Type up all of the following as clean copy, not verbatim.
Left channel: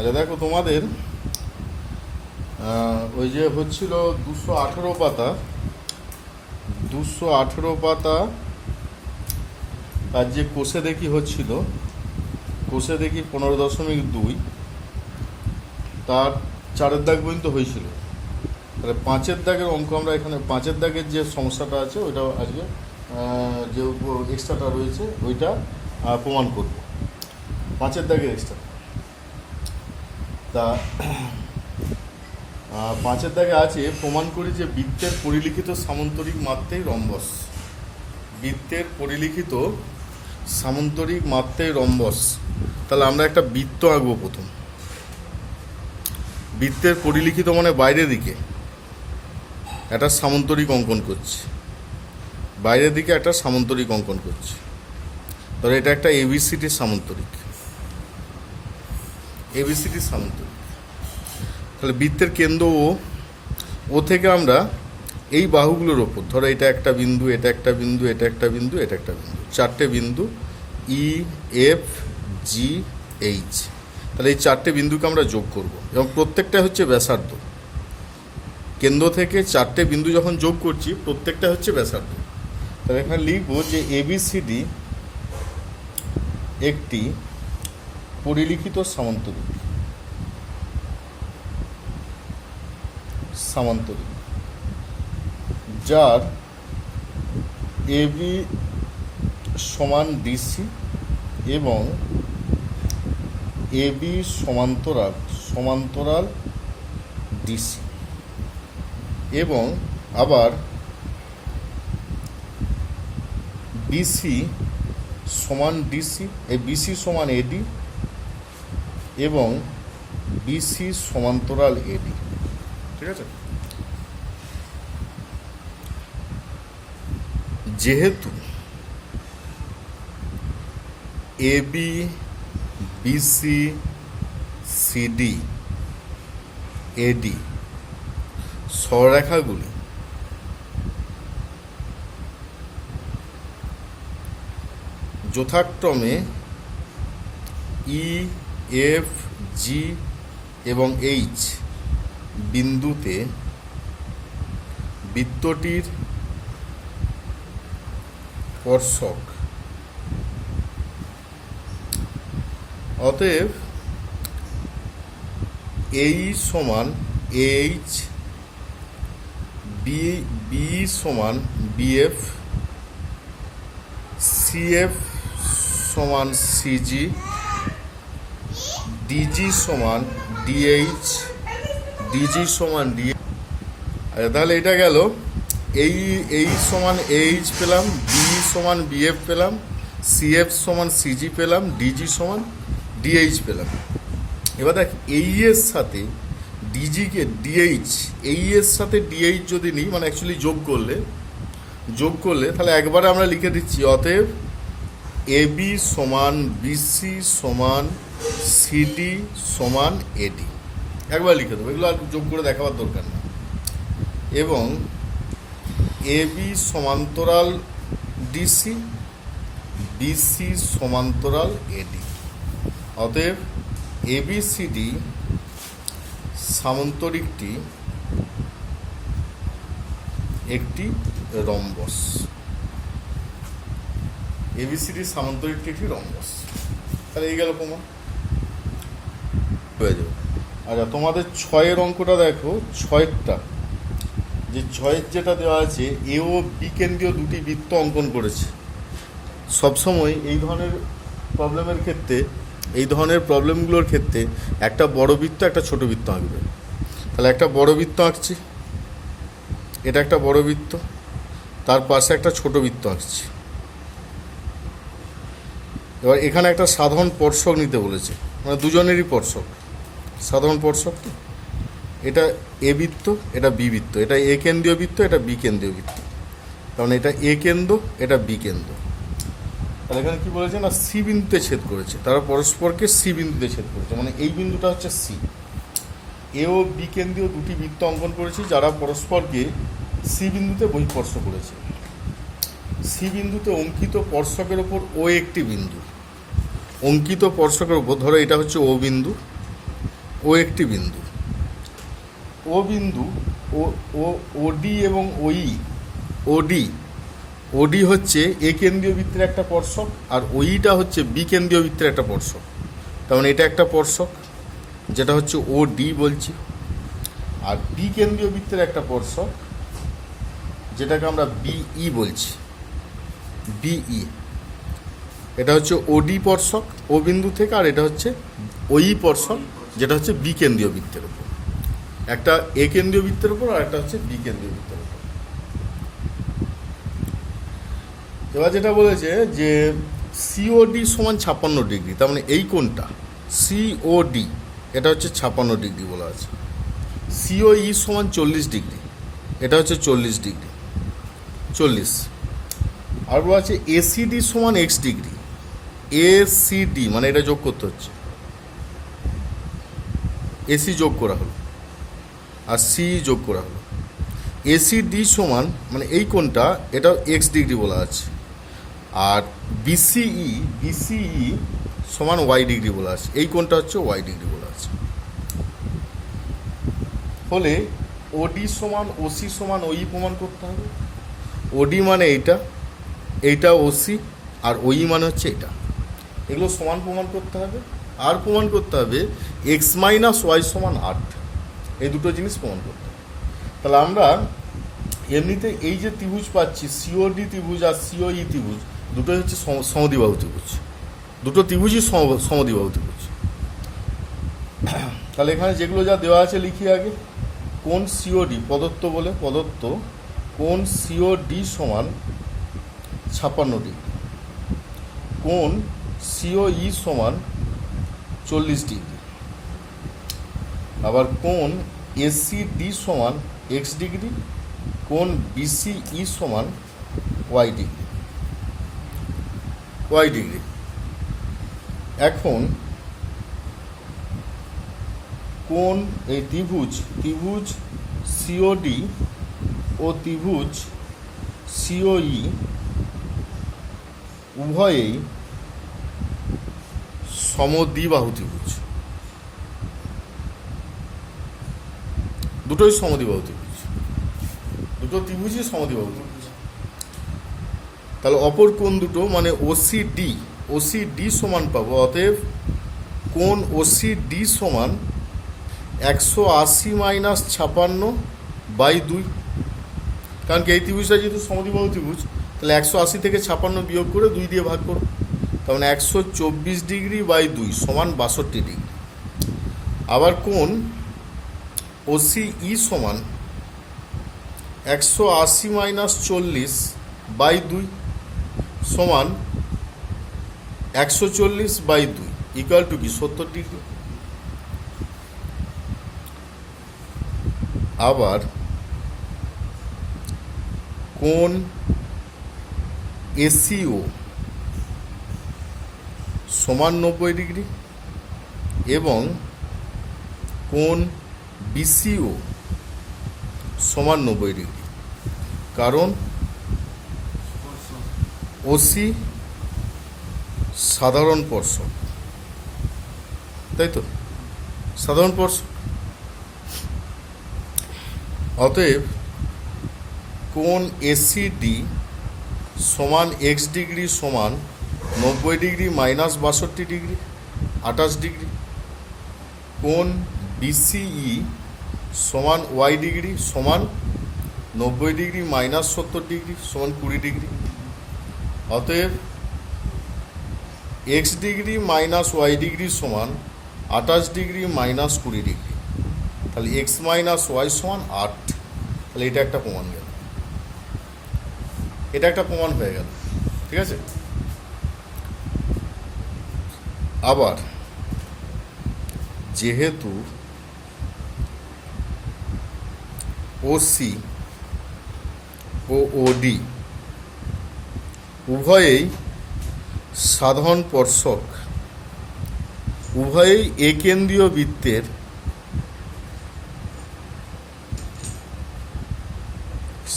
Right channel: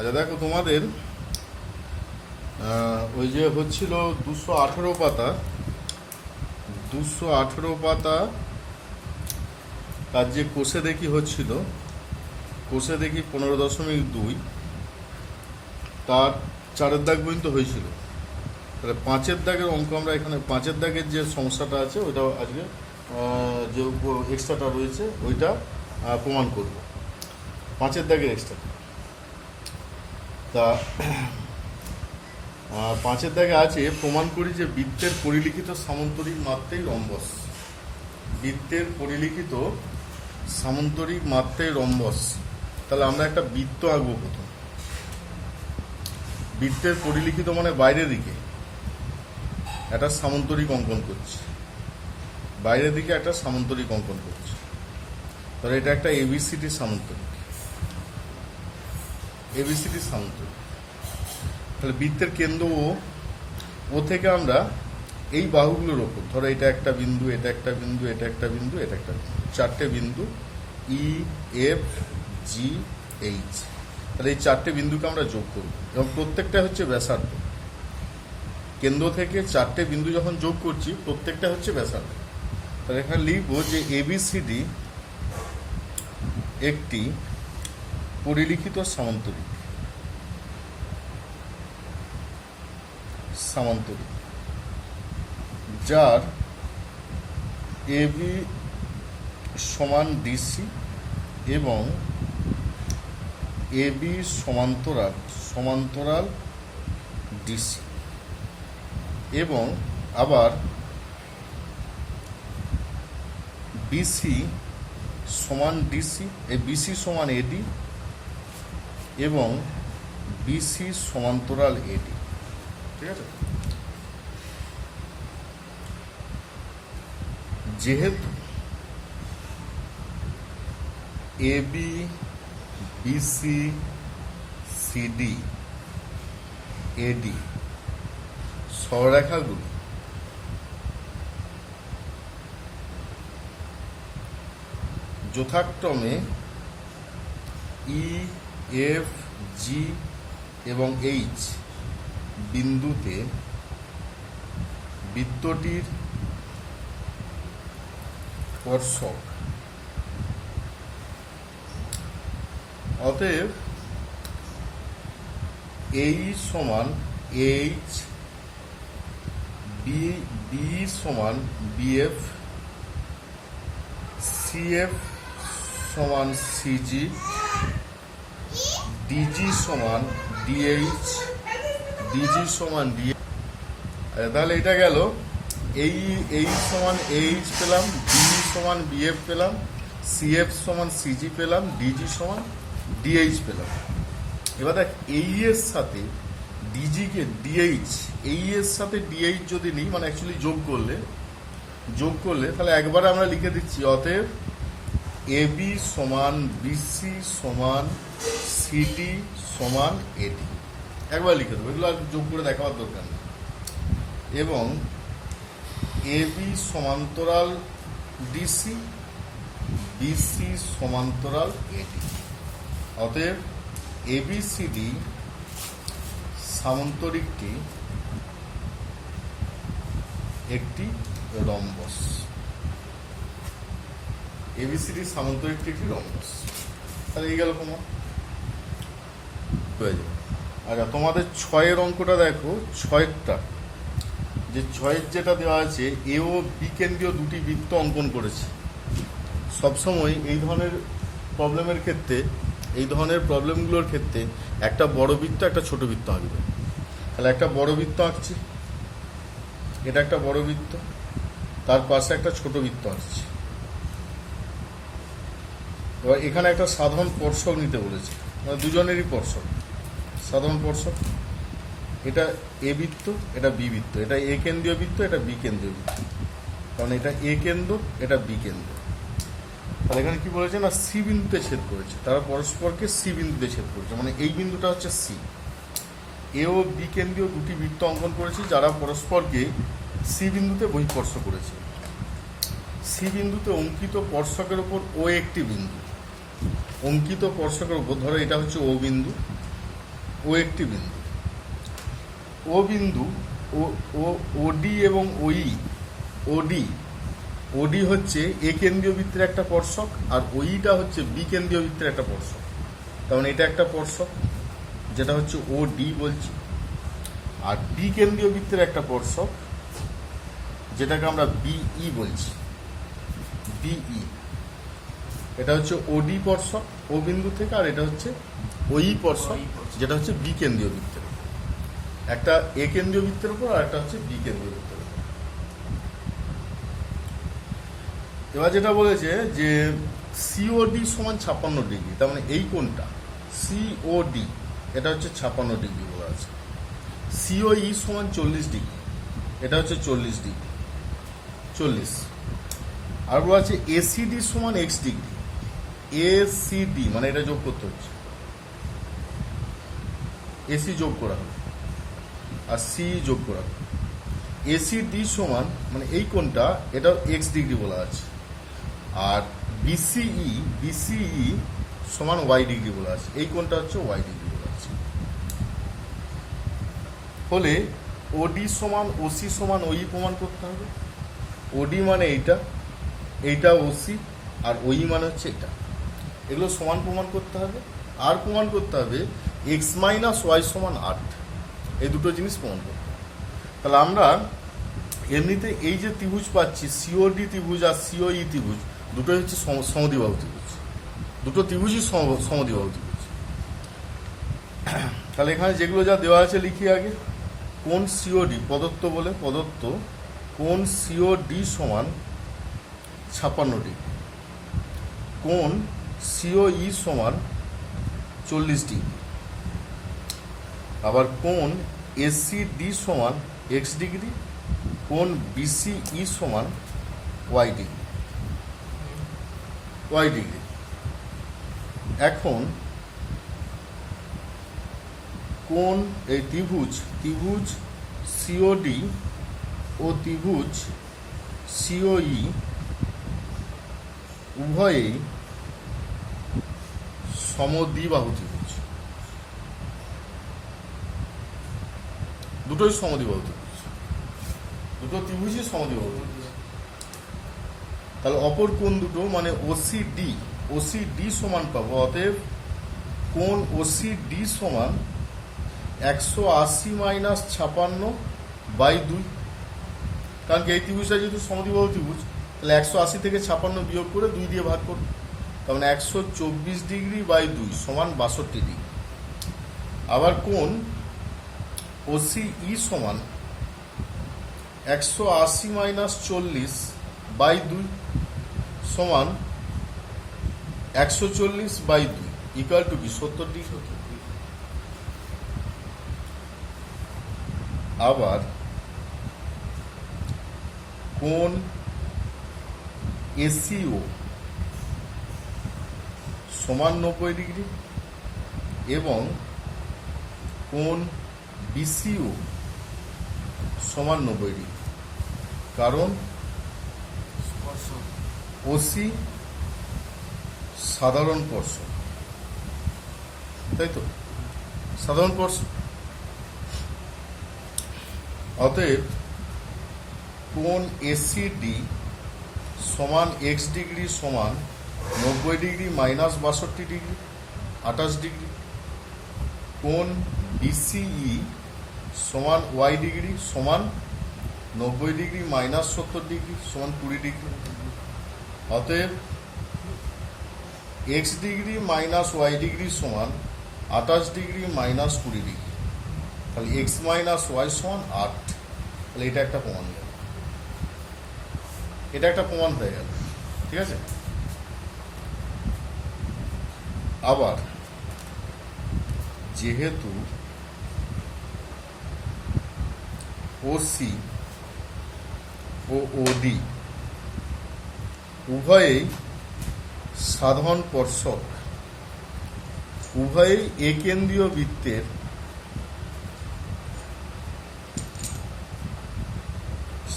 আচ্ছা দেখো তোমাদের ওই যে হচ্ছিল 218 পাতা, 218 পাতা তার যে কোষে দেখি হচ্ছিল, কোষে দেখি 15.2 তার 4-এর দাগ পর্যন্ত হয়েছিল। তাহলে 5-এর দাগের অঙ্ক আমরা এখানে 5-এর দাগের যে সমস্যাটা আছে ওইটা আজকে যে এক্সট্রাটা রয়েছে ওইটা প্রমাণ করব। 5-এর দাগের এক্সট্রা তা 5-এর দাগে আছে প্রমাণ করি যে বৃত্তের পরিলিখিত সামান্তরিক মাত্রাই রম্বস। বৃত্তের পরিলিখিত সামান্তরিক মাত্রাই রম্বস। তাহলে আমরা একটা বৃত্ত আঁকবো প্রথম। বৃত্তের পরিলিখিত মানে বাইরের দিকে একটা সামান্তরিক অঙ্কন করছি, বাইরের দিকে একটা সামান্তরিক অঙ্কন করছি। ধরো এটা একটা এবিসিডির সামান্তরিক, এবিসিডির সামান্তরিক। তাহলে বৃত্তের কেন্দ্র ও থেকে আমরা এই বাহুগুলোর ওপর, ধরো এটা একটা বিন্দু, এটা একটা বিন্দু, এটা একটা বিন্দু, এটা একটা বিন্দু, 4টে বিন্দু ই এফ জি এইচ। তাহলে এই 4টে বিন্দুকে আমরা যোগ করব এবং প্রত্যেকটা হচ্ছে ব্যাসার্ধ। কেন্দ্র থেকে 4টে বিন্দু যখন যোগ করছি প্রত্যেকটা হচ্ছে ব্যাসার্ধ। তাহলে এখানে লিখবো যে এবিসিডি একটি পরিলিখিত সামান্তরিক, সামান্তরিক যার এবি সমান ডিসি এবং এবি সমান্তরাল, সমান্তরাল ডিসি, এবং আবার বিসি সমান ডিসি, এই বিসি সমান এডি এবং বিসি সমান্তরাল এডি। ঠিক আছে। যেহেতু এবি বিসি সিডি এডি সরলরেখাগুলি যথাক্রমে ই এফ জি এবং এইচ বিন্দুতে বৃত্তটির স্পর্শক, অতএব এই সমান এইচ, বি সমান বিএফ, সিএফ সমান সিজি, ডিজি সমান ডিএইচ, ডিজি সমান ডিএ। তাহলে এটা গেল এই সমান এইচ পেলাম, বি সমান বিএফ পেলাম, সিএফ সমান সিজি পেলাম, ডিজি সমান ডিএইচ পেলাম। এবার দেখ এই এর সাথে ডিজিকে ডিএইচ, এই এর সাথে ডিএইচ যদি নিই মানে অ্যাকচুয়ালি যোগ করলে তাহলে একবারে আমরা লিখে দিচ্ছি অতএব এবি সমান বিসি সমান সিডি সমান এডি। একবার লিখে দেবো, এগুলো আর যোগ করে দেখাবার দরকার না। এবং এবি সমান্তরাল ডিসি, বিসি সমান্তরাল এডি। অতএব এবিসিডি সামান্তরিকটি একটি রম্বস। এবিসিডি সামান্তরিকটি একটি রম্বস। তাহলে এই গেল প্রমাণ হয়ে যাবে। আচ্ছা তোমাদের 6-এর অঙ্কটা দেখো, 6-এরটা যে 6-এর যেটা দেওয়া আছে এ ও বি কেন্দ্রীয় দুটি বৃত্ত অঙ্কন করেছে। সবসময় এই ধরনের প্রবলেমের ক্ষেত্রে, এই ধরনের প্রবলেমগুলোর ক্ষেত্রে একটা বড় বৃত্ত একটা ছোট বৃত্ত আঁকবে। তাহলে একটা বড় বৃত্ত আঁকছি, এটা একটা বড় বৃত্ত, তার পাশে একটা ছোট বৃত্ত আঁকছি। এবার এখানে একটা সাধারণ স্পর্শক নিতে বলেছে, মানে দুজনেরই স্পর্শক, সাধারণ স্পর্শক। এটা এ বৃত্ত, এটা বি বৃত্ত, এটা এ কেন্দ্রীয় বৃত্ত, এটা বি কেন্দ্রীয় বৃত্ত। কারণ এটা এ কেন্দ্র, এটা বি কেন্দ্র। তাহলে এখানে কি বলেছে না সি বিন্দুতে ছেদ করেছে, তারা পরস্পরকে সি বিন্দুতে ছেদ করেছে, মানে এই বিন্দুটা হচ্ছে সি। এ ও বি কেন্দ্রীয় দুটি বৃত্ত অঙ্কন করেছি যারা পরস্পরকে সি বিন্দুতে বহিঃস্পর্শ করেছে। সি বিন্দুতে অঙ্কিত স্পর্শকের ওপর ও একটি বিন্দু, অঙ্কিত স্পর্শকের ওপর ধরো এটা হচ্ছে ও বিন্দু, ও একটি বিন্দু, ও বিন্দু, ও ও ওডি এবং ওই, ওডি ওডি হচ্ছে এ কেন্দ্রীয় বৃত্তের একটা স্পর্শক, আর ওইটা হচ্ছে বি কেন্দ্রীয় বৃত্তের একটা স্পর্শক। তার মানে এটা একটা স্পর্শক, যেটা হচ্ছে ও ডি বলছি, আর বি কেন্দ্রীয় বৃত্তের একটা স্পর্শক, যেটাকে আমরা বিই বলছি, বিই। এটা হচ্ছে ওডি স্পর্শক ও বিন্দু থেকে, আর এটা হচ্ছে ওই স্পর্শক, যেটা হচ্ছে বি কেন্দ্রীয় বৃত্তের উপর। একটা এ কেন্দ্রীয় বৃত্তের উপর, আর একটা হচ্ছে বি কেন্দ্রীয় বৃত্তের উপর। এবার যেটা বলেছে যে সিওডি সমান 56 ডিগ্রি, তার মানে এই কোণটা সিওডি এটা হচ্ছে 56 ডিগ্রি বলা আছে। সিওই সমান 40 ডিগ্রি, এটা হচ্ছে 40 ডিগ্রি, 40। আর বলা আছে এসিডি সমান এক্স ডিগ্রি, এসিডি মানে এটা যোগ করতে হচ্ছে, এসি যোগ করা হলো আর সি যোগ করা হলো। এসিডি সমান মানে এই কোণটা এটা এক্স ডিগ্রি বলা আছে, আর বিসিই সমান ওয়াই ডিগ্রি বলা আছে, এই কোণটা হচ্ছে ওয়াই ডিগ্রি বলা আছে। ফলে ওডি সমান ওসি সমান ওই প্রমাণ করতে হবে। ওডি মানে এইটা, এইটা ওসি, আর ওই মানে হচ্ছে এটা। এগুলো সমান প্রমাণ করতে হবে। আর প্রমাণ করতে হবে এক্স মাইনাস ওয়াই সমান 8, এই দুটো জিনিস প্রমাণ করতে হবে। তাহলে আমরা এমনিতে এই যে ত্রিভুজ পাচ্ছি, সিওডি ত্রিভুজ আর সিওই ত্রিভুজ, দুটোই হচ্ছে সমদ্বিবাহু ত্রিভুজ, দুটো ত্রিভুজই সমদ্বিবাহু ত্রিভুজ। তাহলে এখানে যেগুলো যা দেওয়া আছে লিখি আগে। কোণ সিওডি প্রদত্ত বলে, প্রদত্ত কোণ সিওডি সমান 56 ডিগ্রি, কোণ সিওই সমান 40 ডিগ্রি, আবার কোণ এসিডি সমান এক্স ডিগ্রি, কোণ বিসিই সমান ওয়াই ডিগ্রি, ওয়াই ডিগ্রি। এখন কোণ এই ত্রিভুজ সিওডি ও ত্রিভুজ সিওই উভয়েই সমদ্বিবাহু ত্রিভুজ, দুটোই সমদ্বিবাহু ত্রিভুজ, দুটো ত্রিভুজই সমদ্বিবাহু ত্রিভুজ। তাহলে অপর কোণ দুটো মানে ওসিডি সমান পাবো। অতএব কোণ ওসিডি সমান 180 মাইনাস 56/2, কারণ কি এই ত্রিভুজটা যেহেতু সমদ্বিবাহু ত্রিভুজ, তাহলে 180 থেকে 56 বিয়োগ করে 2 দিয়ে ভাগ করো, তার মানে 124 ডিগ্রি বাই 2 সমান 62 ডিগ্রি। আবার কোণ ওসিই সমান 180 মাইনাস 40/2 সমান 140/2 ইকুয়াল টু কি 70 ডিগ্রি। আবার কোণ এসিও সমান 90 ডিগ্রি এবং কোণ বিসিও সমান 90 ডিগ্রি, কারণ ওসি সাধারণ স্পর্শক, তাই তো, সাধারণ স্পর্শক। অতএব কোণ এসিডি সমান এক্স ডিগ্রি সমান 90 ডিগ্রি মাইনাস 62 ডিগ্রি 28 ডিগ্রি, কোণ বিসিই সমান ওয়াই ডিগ্রি সমান 90 ডিগ্রি মাইনাস 70 ডিগ্রি সমান 20 ডিগ্রি। অতএব X degree minus Y degree সমান 28 ডিগ্রি মাইনাস 20 ডিগ্রি, তাহলে এক্স মাইনাস ওয়াই সমান 8। তাহলে এটা একটা প্রমাণ গেল, এটা একটা প্রমাণ হয়ে গেল, ঠিক আছে। আবার যেহেতু ওসি ও ওডি উভয়েই সাধারণ স্পর্শক, উভয়েই একেন্দ্রীয় বৃত্তের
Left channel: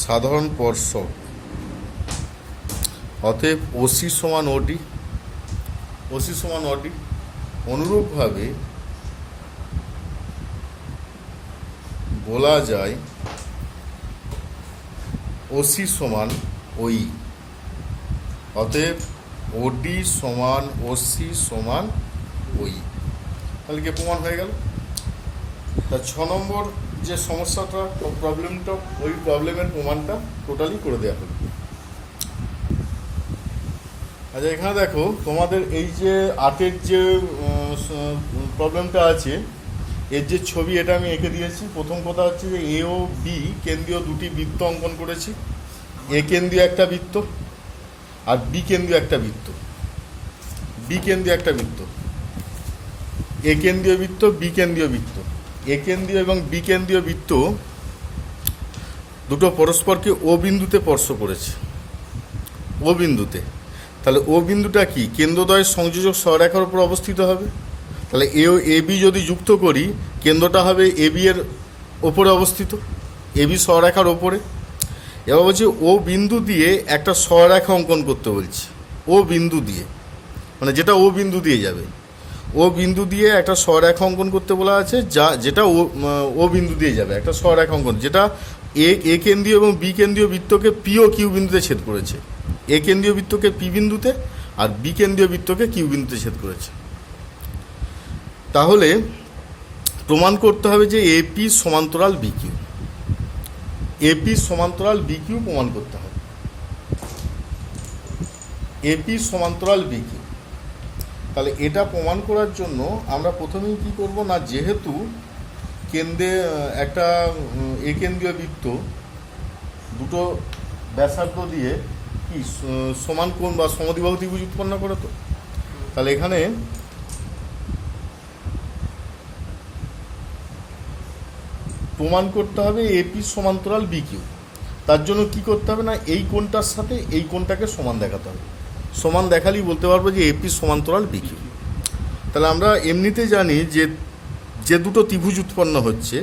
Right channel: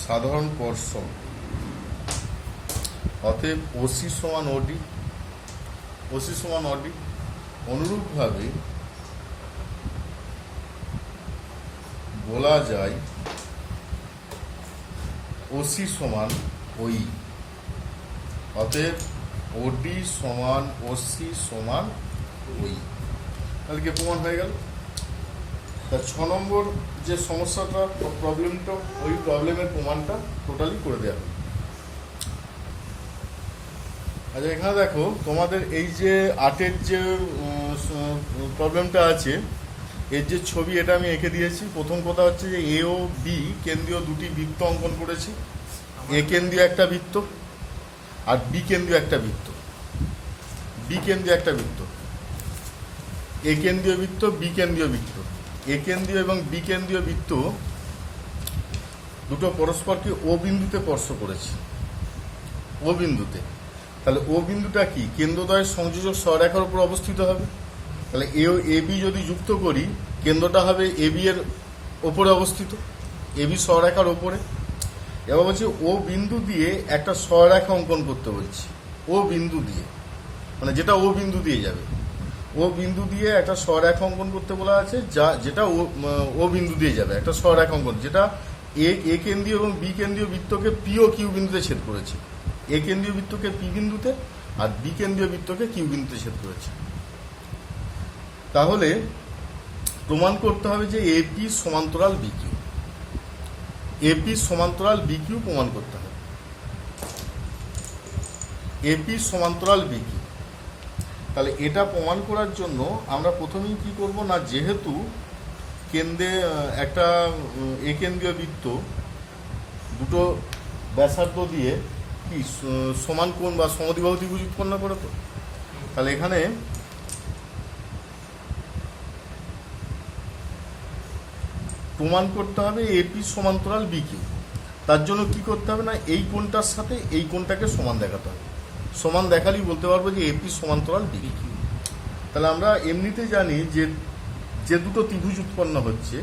সাধারণ স্পর্শক, অতএব ওসি সমান ওডি, ওসি সমান ওডি। অনুরূপভাবে বলা যায় ওসি সমান ওই। অতএব ওডি সমান ওসি সমান ওই। তাহলে কি প্রমাণ হয়ে গেল? তা 6 নম্বর যে সমস্যাটা প্রবলেমটা, ওই প্রবলেমের প্রমাণটা টোটালি করে দেওয়া হবে। আচ্ছা, এখানে দেখো তোমাদের এই যে 8-এর যে প্রবলেমটা আছে, এর যে ছবি এটা আমি এঁকে দিয়েছি। প্রথম কথা হচ্ছে যে এ ও বি কেন্দ্রীয় দুটি বৃত্ত অঙ্কন করেছি। এ কেন্দ্রীয় একটা বৃত্ত আর বি কেন্দ্রীয় একটা বৃত্ত। বি কেন্দ্রীয় একটা বৃত্ত, এ কেন্দ্রীয় বৃত্ত, বি কেন্দ্রীয় বৃত্ত। এ কেন্দ্রীয় এবং বি কেন্দ্রীয় বৃত্ত দুটো পরস্পরকে ও বিন্দুতে স্পর্শ করেছে। ও বিন্দুতে। তাহলে ও বিন্দুটা কি? কেন্দ্রদ্বয়ের সংযোজক সরলরেখার উপর অবস্থিত হবে। তাহলে এ ও এ বি যদি যুক্ত করি, কেন্দ্রটা হবে এ বি এর ওপরে অবস্থিত, এ বি সরলরেখার ওপরে। এবার বলছি ও বিন্দু দিয়ে একটা সরলরেখা অঙ্কন করতে বলছি। ও বিন্দু দিয়ে, মানে যেটা ও বিন্দু দিয়ে যাবে, ও বিন্দু দিয়ে একটা সরলরেখা অঙ্কন করতে বলা আছে, যেটা ও বিন্দু দিয়ে যাবে একটা সরলরেখা অঙ্কন, যেটা এ কেন্দ্রীয় এবং বি কেন্দ্রীয় বৃত্তকে পি ও কিউ বিন্দুতে ছেদ করেছে। এ কেন্দ্রীয় বৃত্তকে পি বিন্দুতে আর বি কেন্দ্রীয় বৃত্তকে কিউ বিন্দুতে ছেদ করেছে। তাহলে প্রমাণ করতে হবে যে এপি সমান্তরাল বি কিউ। এপি সমান্তরাল বি কিউ প্রমাণ করতে হবে। এপি সমান্তরাল বি কিউ। তাহলে এটা প্রমাণ করার জন্য আমরা প্রথমেই কি করব না, যেহেতু কেন্দ্রে একটা এ কেন্দ্রীয় বৃত্ত দুটো ব্যাসার্ধ দিয়ে কি সমান কোণ বা সমদ্বিবাহু ত্রিভুজ উৎপন্ন করে, তো তাহলে এখানে প্রমাণ করতে হবে এপি সমান্তরাল বি কিউ। তার জন্য কি করতে হবে না, এই কোণটার সাথে এই কোণটাকে সমান দেখাতে হবে। সমান দেখালেই বলতে পারবো যে এপি সমান্তরাল বি কিউ। তাহলে আমরা এমনিতে জানি যে যে দুটো ত্রিভুজ উৎপন্ন হচ্ছে,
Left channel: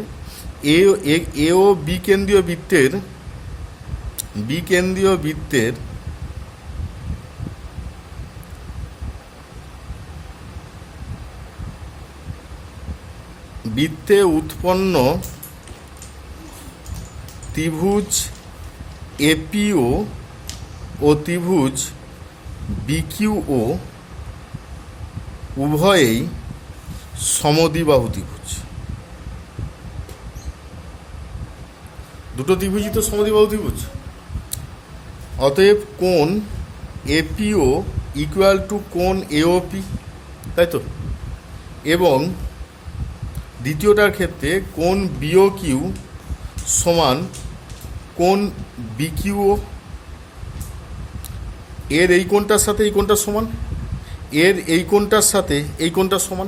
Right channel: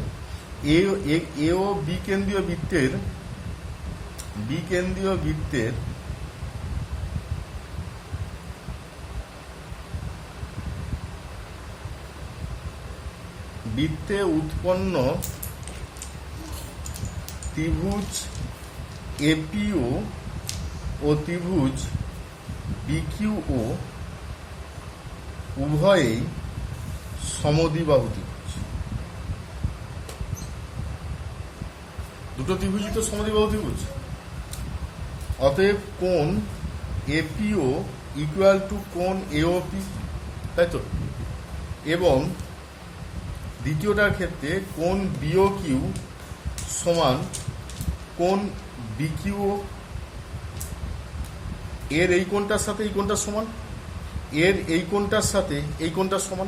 এ ও বি কেন্দ্রীয় বৃত্তের বৃত্তে উৎপন্ন ত্রিভুজ এপিও ও ত্রিভুজ বিকিউও উভয়েই সমদ্বিবাহু ত্রিভুজ। দুটো ত্রিভুজই তো সমদ্বিবাহু ত্রিভুজ। অতএব কোণ এপিও ইকুয়াল টু কোণ এওপি, তাই তো। এবং দ্বিতীয়টার ক্ষেত্রে কোণ বিও কিউ সমান কোণ বিকিউও। এর এই কোণটার সাথে এই কোণটা সমান, এর এই কোণটার সাথে এই কোণটা সমান।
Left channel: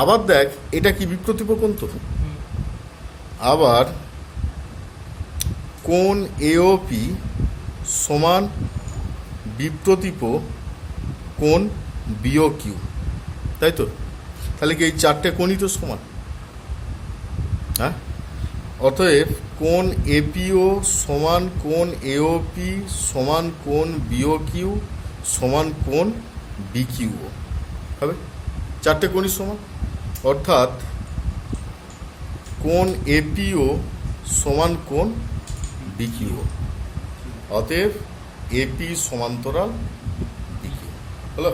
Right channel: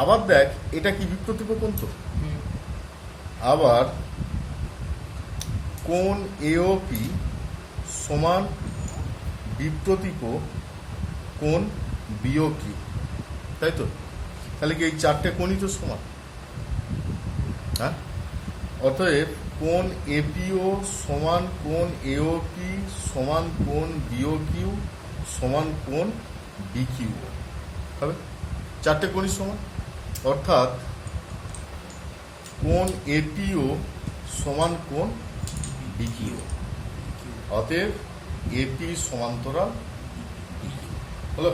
আবার দেখ, এটা কি বিপ্রতীপ কোণ তো। আবার কোণ এওপি সমান বিপ্রতীপ কোণ বিও কিউ, তাই তো। তাহলে কি এই চারটে কোণই তো সমান, হ্যাঁ। অতএব কোণ এপিও সমান কোণ এওপি সমান কোণ বিও কিউ সমান কোণ বিকিউও হবে। চারটে কোণই সমান, অর্থাৎ কোণ এপিও সমান কোণ বিকিউও। অতএব এপি সমান্তরাল বিকিউ হলো।